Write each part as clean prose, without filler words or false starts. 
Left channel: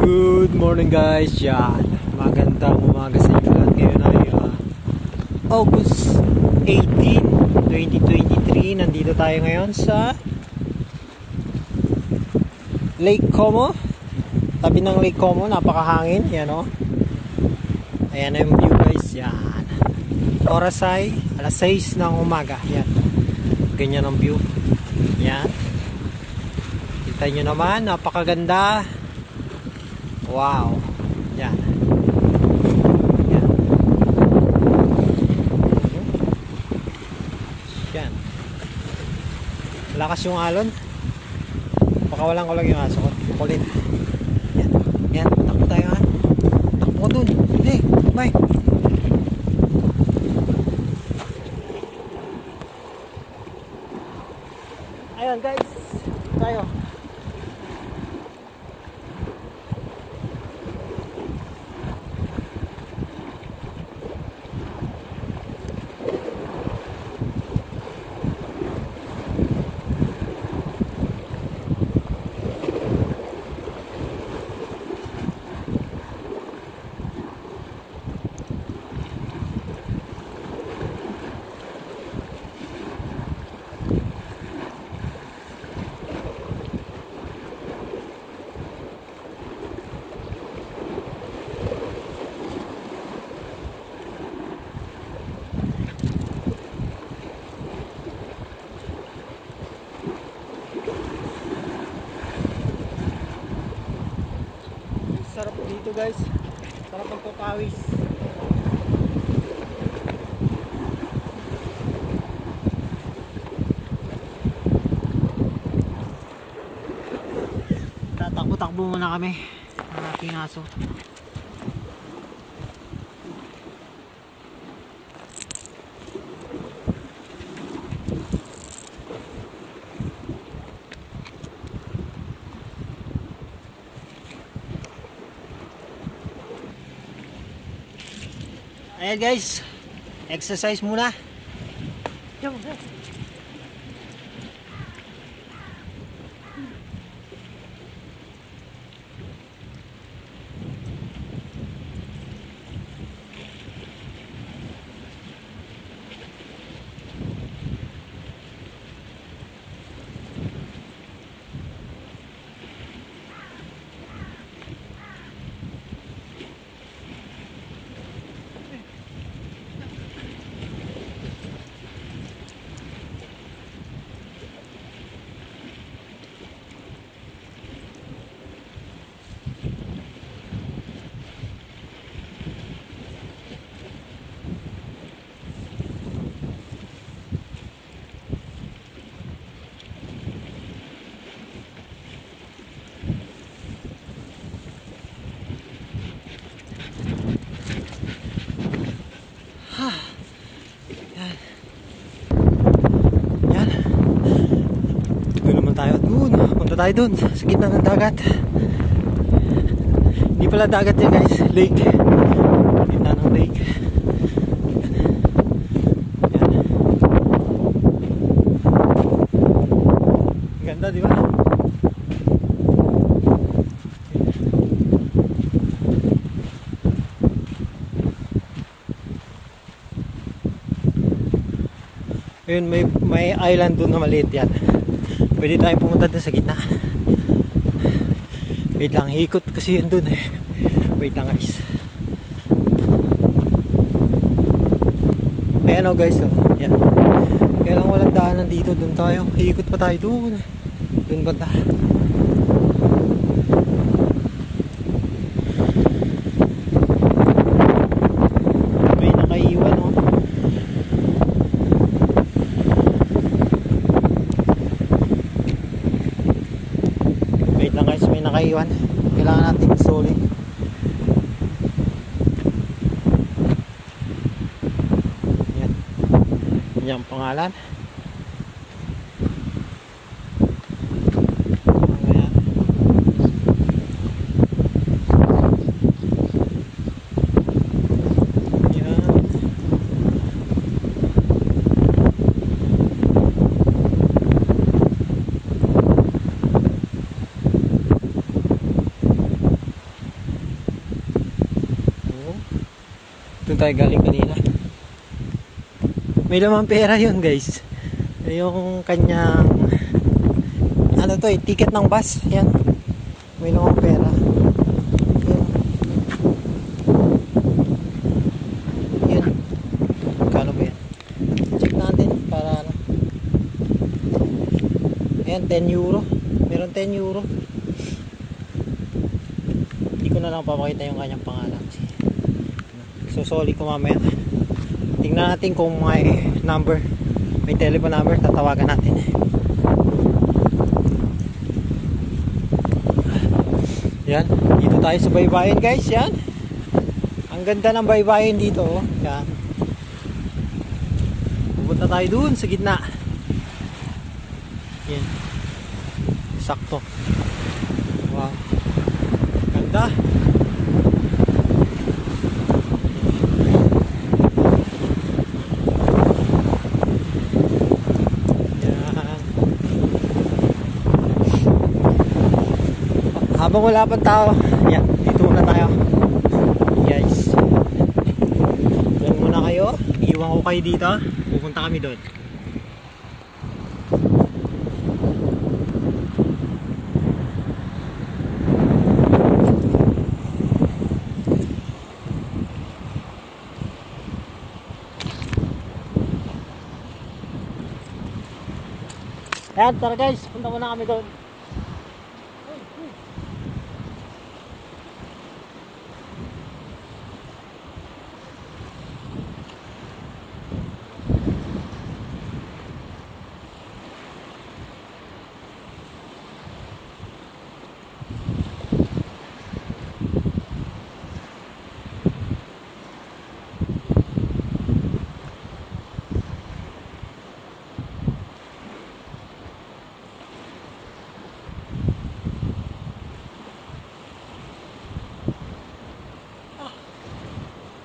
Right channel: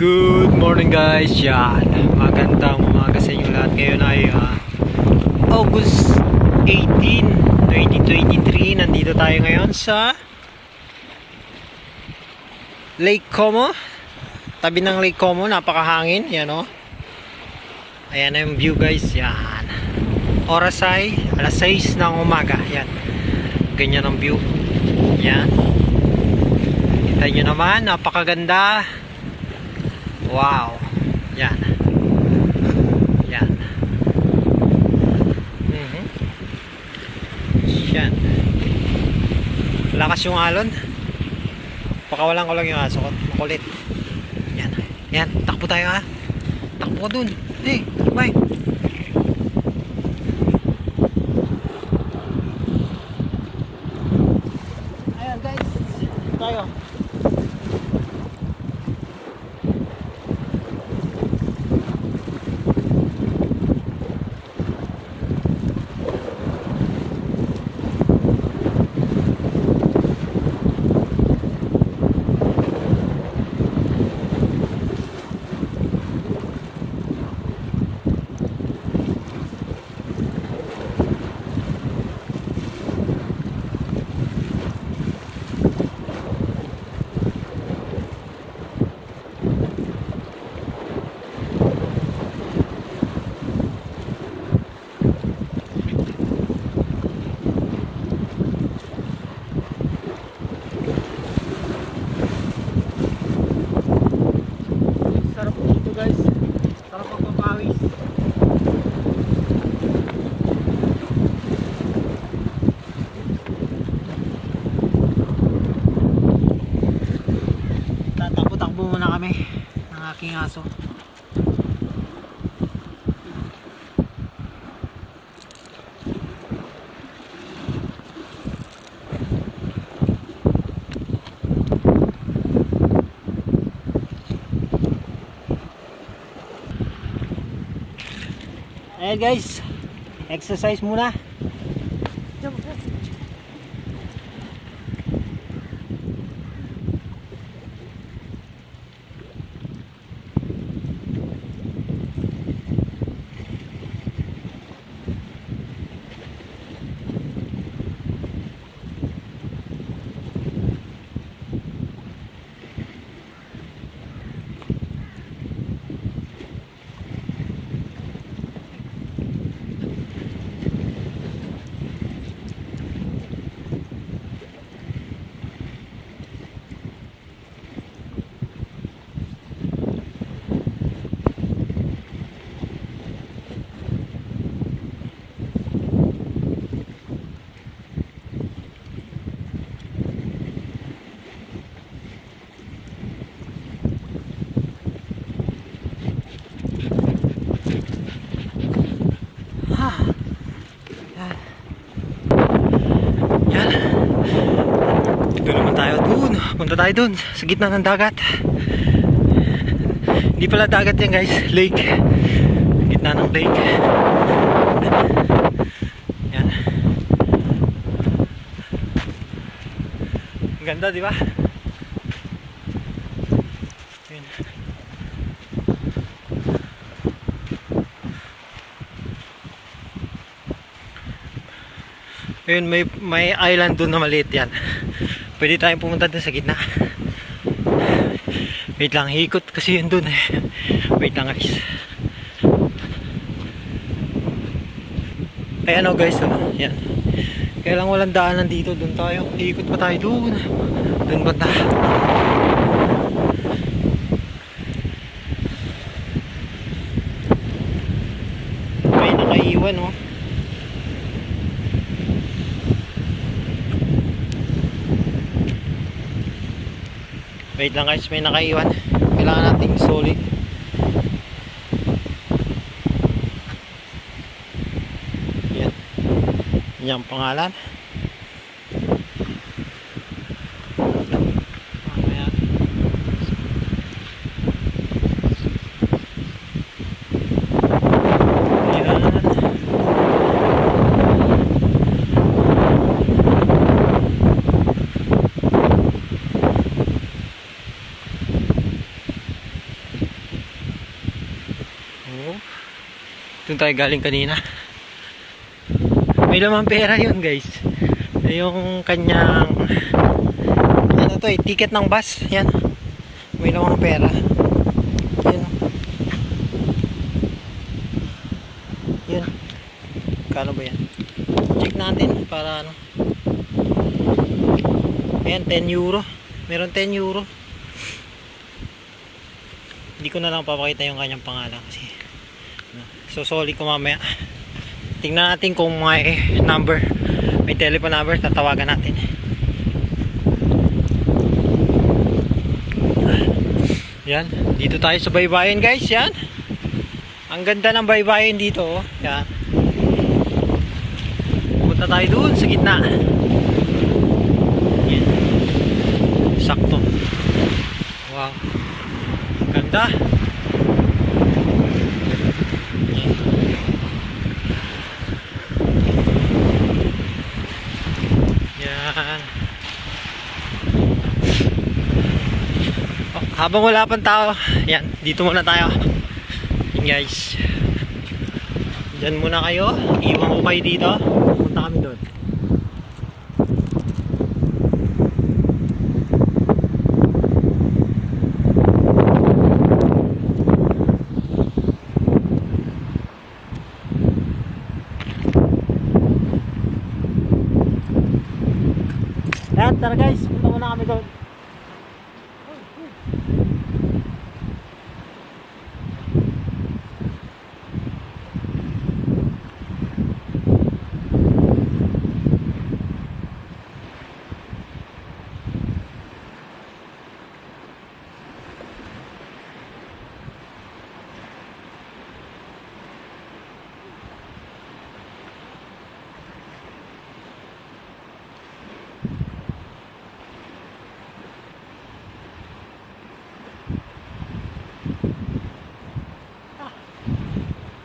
Good morning guys, yan. Magandang umaga sa inyo lahat. Ngayon ay August 18, 2023. Nandito tayo ngayon sa Lake Como. Tabi ng Lake Como, napakahangin. Yan o. Ayan na yung view guys, yan. Oras ay alas 6 ng umaga. Yan. Ganyan ang view. Yan. Kita nyo naman, napakaganda. Wow. Yan. Yan. Yan. Lakas yung alon. Pakawalan ko lang yung aso ko. Makulit. Yan. Yan. Takbo tayo ha. Takbo ko dun. Hey, takbay. Ayan guys. Tayo. Sarap dito guys, sarap magpapawis. Tatakbo-takbo muna kami ng aking aso. Ayan guys, exercise muna. Yan. Yan. Doon naman tayo. Doon. Punta tayo doon. Sa gitna ng dagat. Hindi pala dagat yan guys. Lake. Gitna ng lake. Yan. Ang ganda di ba? Ayun, may island doon na maliit yan. Pwede tayong pumunta doon sa gitna. Wait lang, hikot kasi yun doon eh. Wait lang guys. Ayan o guys, oh. Yan. Kaya lang walang daanan dito, doon tayo. Hikot pa tayo doon. Doon banda. May nakaiwan oh. Wait lang guys, may nakaiwan. Kailangan nating solid. Yan. Yan ang pangalan. Doon tayo galing kanina. May lamang pera yun guys. Yung kanyang ano to eh, ticket ng bus. Yan. May lamang pera. Yan. Yun. Kano ba yan? Check natin para ano. Ayan, 10 euro. Meron 10 euro. Hindi ko na lang papakita yung kanyang pangalan kasi susoli ko mamaya. Tingnan natin kung may number, may telephone number, tatawagan natin. Yan, dito tayo sa baybayin guys. Yan, ang ganda ng baybayin dito oh. Yan, punta tayo dun sa gitna. Yan, sakto. Wow, ganda. Habang wala pang tao, yan, dito muna tayo guys. Diyan muna kayo, iwan ko kayo dito, pupunta kami doon. Yan, tara guys, punta muna kami doon.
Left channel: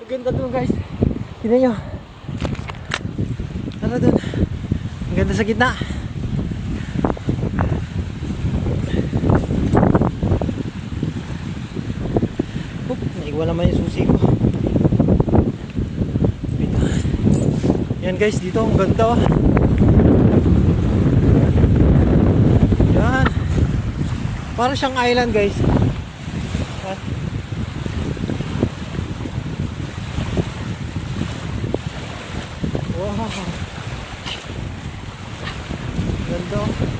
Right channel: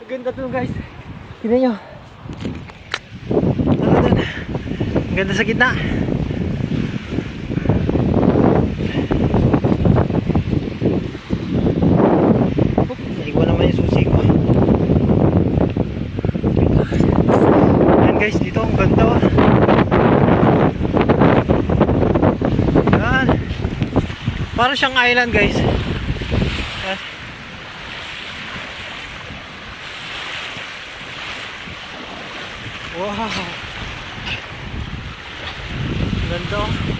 Ganda doon guys. Tingnan nyo. Ano doon? Ang ganda sa gitna. Oop, naiwan naman yung susi ko. Yan guys, dito ang ganda oh. Yan. Para siyang island guys. Yan. Wow, ganda.